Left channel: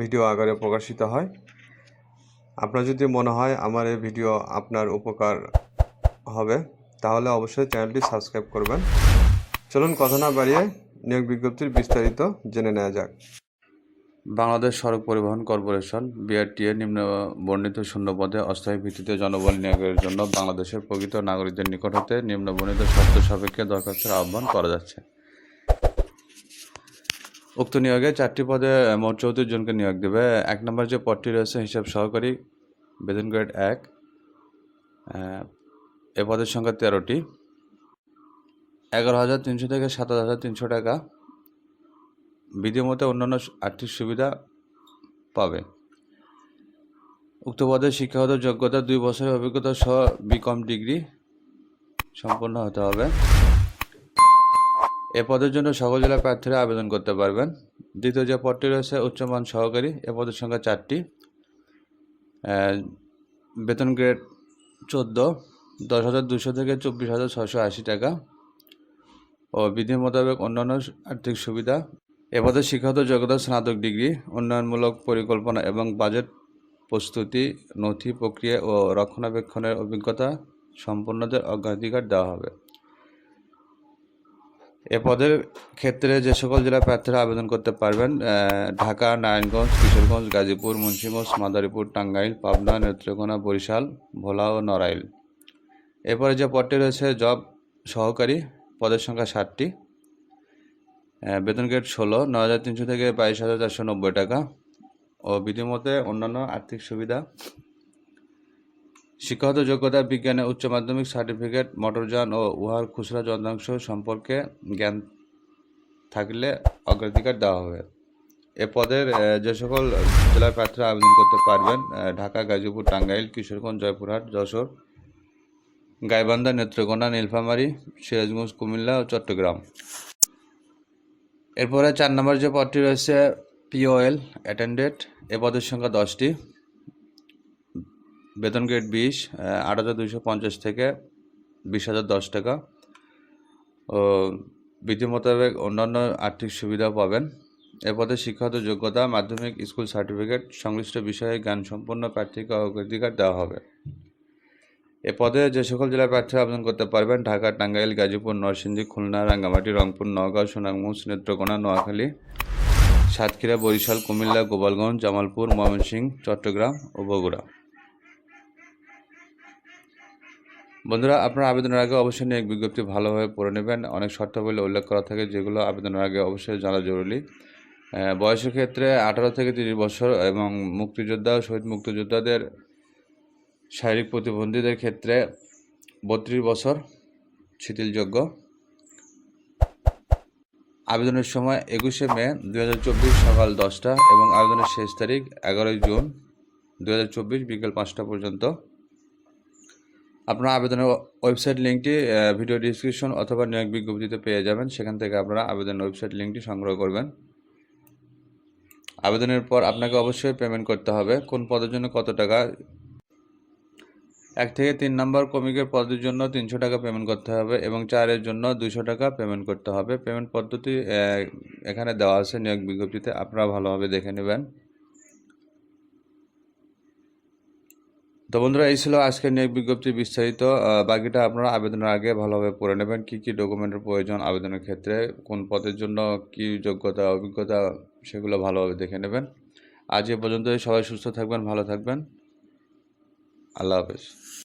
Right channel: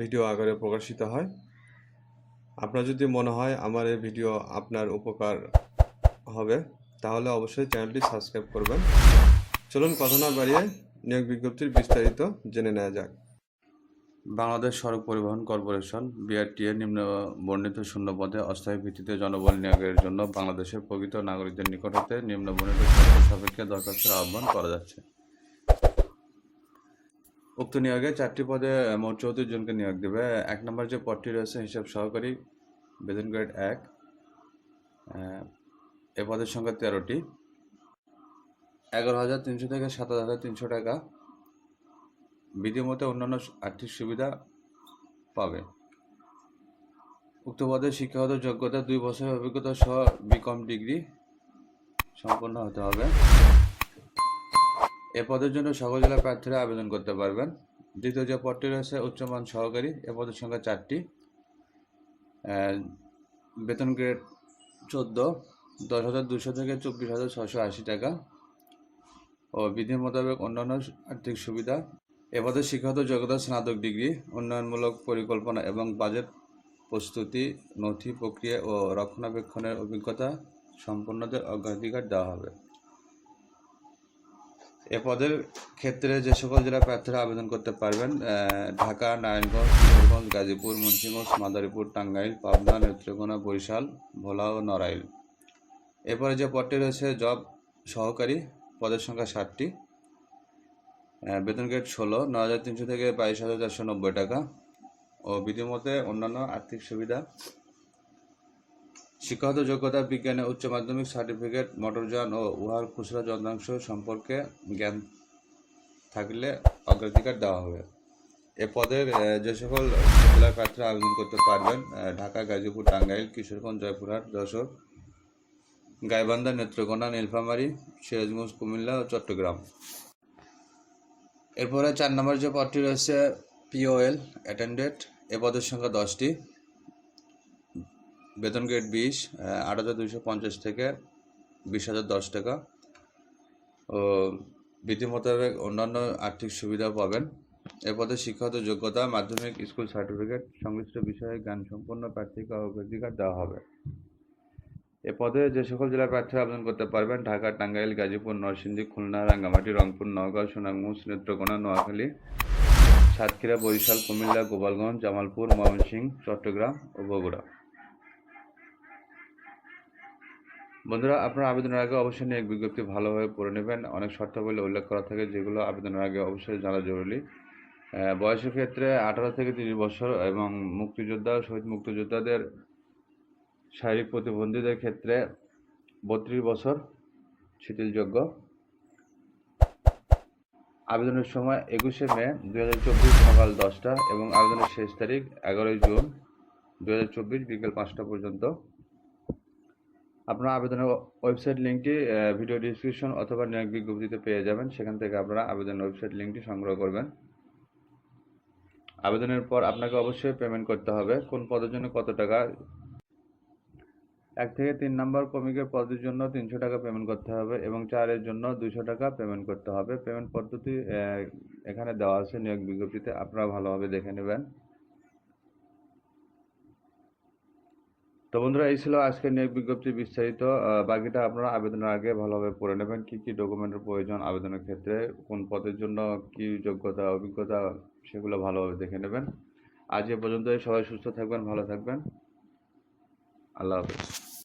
Video আকারে প্রকাশিত হয়। আপনার যদি মনে হয় আমার এই ভিডিও আপনার উপকার হবে, তাহলে অবশ্যই চ্যানেলটি সাবস্ক্রাইব করবেন। চলুন কথা না বাড়িয়ে নিয়োগ বিজ্ঞপ্তির বিস্তারিত জেনে নেওয়া যাক। বাংলাদেশ সড়ক পরিবহন কর্পোরেশন, বিআরটিএ, নিম্ন বর্ণিত শূন্য পদে অস্থায়ী ভিত্তিতে জনবল নিয়োগের জন্য বাংলাদেশের প্রকৃত নাগরিকদের নিকট হতে নিম্ন বর্ণিত শর্ত সাপেক্ষে দরখাস্তের আহ্বান করা যাচ্ছে। উক্ত নিয়োগে চারটি পদে মোট চৌত্রিশ জনকে নিয়োগ দেবে। এক নম্বর যে পদটি রয়েছে, হিসাব সহকারী, বেতন গ্রেড এক, এ পদের সংখ্যা তেরোটি। এগারো হাজার তিনশো থেকে সাতাশ হাজার তিনশো টাকা। বিধিমতো অন্যান্য আর্থিক সুবিধা পাবে। উক্ত পদে শিক্ষাগত যোগ্যতা, দুই বছরের অভিজ্ঞতা সহ বিকম ডিগ্রি সম্পন্ন হতে হবে। এ পদের জন্য সকল জেলা প্রার্থীরা আবেদন করতে পারবেন। দ্বিতীয় যে পদটি রয়েছে, উচ্চমান সহকারী, এ পদের সংখ্যা চারটি। বেতন গ্রেড চোদ্দ, দশ হাজার দুশো থেকে চব্বিশ হাজার ছশো আশি টাকা ও বিধি মোতাবেক অন্যান্য আর্থিক সুবিধা। এ পদে শিক্ষাগত যোগ্যতা, স্নাতক ডিগ্রি, উন্নয়নমূলক পরিকল্পনা এবং বাজেট প্রস্তুতি, নথি প্রক্রিয়া ও রক্ষণাবেক্ষণের অভিজ্ঞতা সম্পন্নদের অগ্রাধিকার দেওয়া হবে। এ পদের ক্ষেত্রে যে সকল জেলা প্রার্থীরা আবেদন করতে পারবেন ঢাকা, নারায়ণগঞ্জ, কিশোরগঞ্জ, গাজীপুর, মুন্সিগঞ্জ, মাদারীপুর, টাঙ্গাইল, পাবনা, নেত্রকোনা, বরিশাল, ভোলা ও নড়াইল। এরপরে যে পদটি রয়েছে, জব সহকারী, পদের সংখ্যা ষাটটি। বেতন গ্রেড ষোলো ন হাজার তিনশো থেকে বাইশ হাজার চারশো নব্বই টাকা। ও বিধিমতে অন্যান্য আর্থিক সুবিধা শিক্ষাগত যোগ্যতা, বিজ্ঞানে উচ্চ মাধ্যমিক সার্টিফিকেট মোটরযান ও উহার খুচরা যন্ত্রাংশ সম্পর্কে জ্ঞান থাকলে অগ্রাধিকার দেওয়া হবে। এ পদের যে সকল জেলার প্রার্থীরা আবেদন করতে পারবেন ঢাকা, গাজীপুর, টাঙ্গাইল, কিশোরগঞ্জ, জয়পুরহাট, যশোর, গাইবান্ধা, নেত্রকোনা, নীলফামারী, সিরাজগঞ্জ, কুমিল্লা ও চট্টগ্রাম। এরপরে চার নম্বর যে পদটি রয়েছে, পিওএল অ্যাটেন্ডেড এ পদের সংখ্যা দশটি। বেতন গ্রেড বিশ আট হাজার দুইশো পঞ্চাশ থেকে বিশ হাজার দশ টাকা। ও, বিধি মোতাবেক অন্যান্য আর্থিক সুবিধা পাবেন। এ পদে শিক্ষাগত যোগ্যতা, মাধ্যমিক স্কুল সার্টিফিকেট, সংশ্লিষ্ট বিষয়ে জ্ঞান সম্পন্ন প্রার্থীকে অগ্রাধিকার দেওয়া হবে। এ পদে যে সকল জেলার প্রার্থীরা আবেদন করতে পারবেন, ঢাকা, টাঙ্গাইল, গাজীপুর, নরসিংদী, খুলনা, রাঙ্গামাটি, রংপুর, নওগাঁ সুনামগঞ্জ নেত্রকোনা নোয়াখালী, সাতক্ষীরা, বরিশাল, কুমিল্লা, গোপালগঞ্জ, জামালপুর, ময়মনসিংহ, চট্টগ্রাম ও বগুড়া। বন্ধুরা, আপনার আবেদনের আগে অবশ্যই নিয়োগ বিজ্ঞপ্তি ভালোভাবে পড়ে নেবেন। অনেক শর্তাবলী উল্লেখ করা থাকে, যেগুলো আবেদনের আগে অবশ্যই জানা জরুরি। বয়সের ক্ষেত্রে আঠারো থেকে তিরিশ বছর এবং মুক্তিযোদ্ধা শহীদ মুক্তিযোদ্ধাদের শারীরিক প্রতিবন্ধীদের ক্ষেত্রে বত্রিশ বছর শিথিলযোগ্য। আবেদনের সময় একুশে মে দু হাজার চব্বিশ সকাল দশটা এবং আবেদনের শেষ তারিখ এগারোই জুন দু হাজার চব্বিশ বিকেল পাঁচটা পর্যন্ত। আপনারা আবেদনের ওয়েবসাইট লিঙ্কটি ভিডিও ডিসক্রিপশন অথবা নিয়োগ বিজ্ঞপ্তিতে পেয়ে যাবেন। সেখান থেকে আপনারা আবেদনের ওয়েবসাইট লিঙ্কটি সংগ্রহ করবেন। আবেদনের পর আপনাকে অবশ্যই পেমেন্ট করতে হবে। কোন পদের জন্য কত টাকা? এক থেকে তিন নম্বর কমিকের পদের জন্য তিনশো টাকা পেমেন্ট করতে হবে এবং চারের জন্য দুশো টাকা পেমেন্ট করতে হবে। পেমেন্ট পদ্ধতি এখানে দেওয়া আছে নিয়োগ বিজ্ঞপ্তিতে। আপনারা ভালোভাবে দেখে নেবেন। তো বন্ধুরা, এই ছিল আজকের নিয়োগ বিজ্ঞপ্তি বিস্তারিত। বাকিটা আপনারা আবেদনের আগে ভালোভাবে পড়ে নেবেন। কী কী ডকুমেন্টের প্রয়োজন আবেদনের ক্ষেত্রে, কোন পদের জন্য কি যোগ্যতা, অভিজ্ঞতা সেগুলো ভালোভাবে দেখে নেবেন। আজ এ পর্যন্ত সবাই সুস্থ থাকবেন, ভালো থাকবেন। আল্লাহ হাফেজ।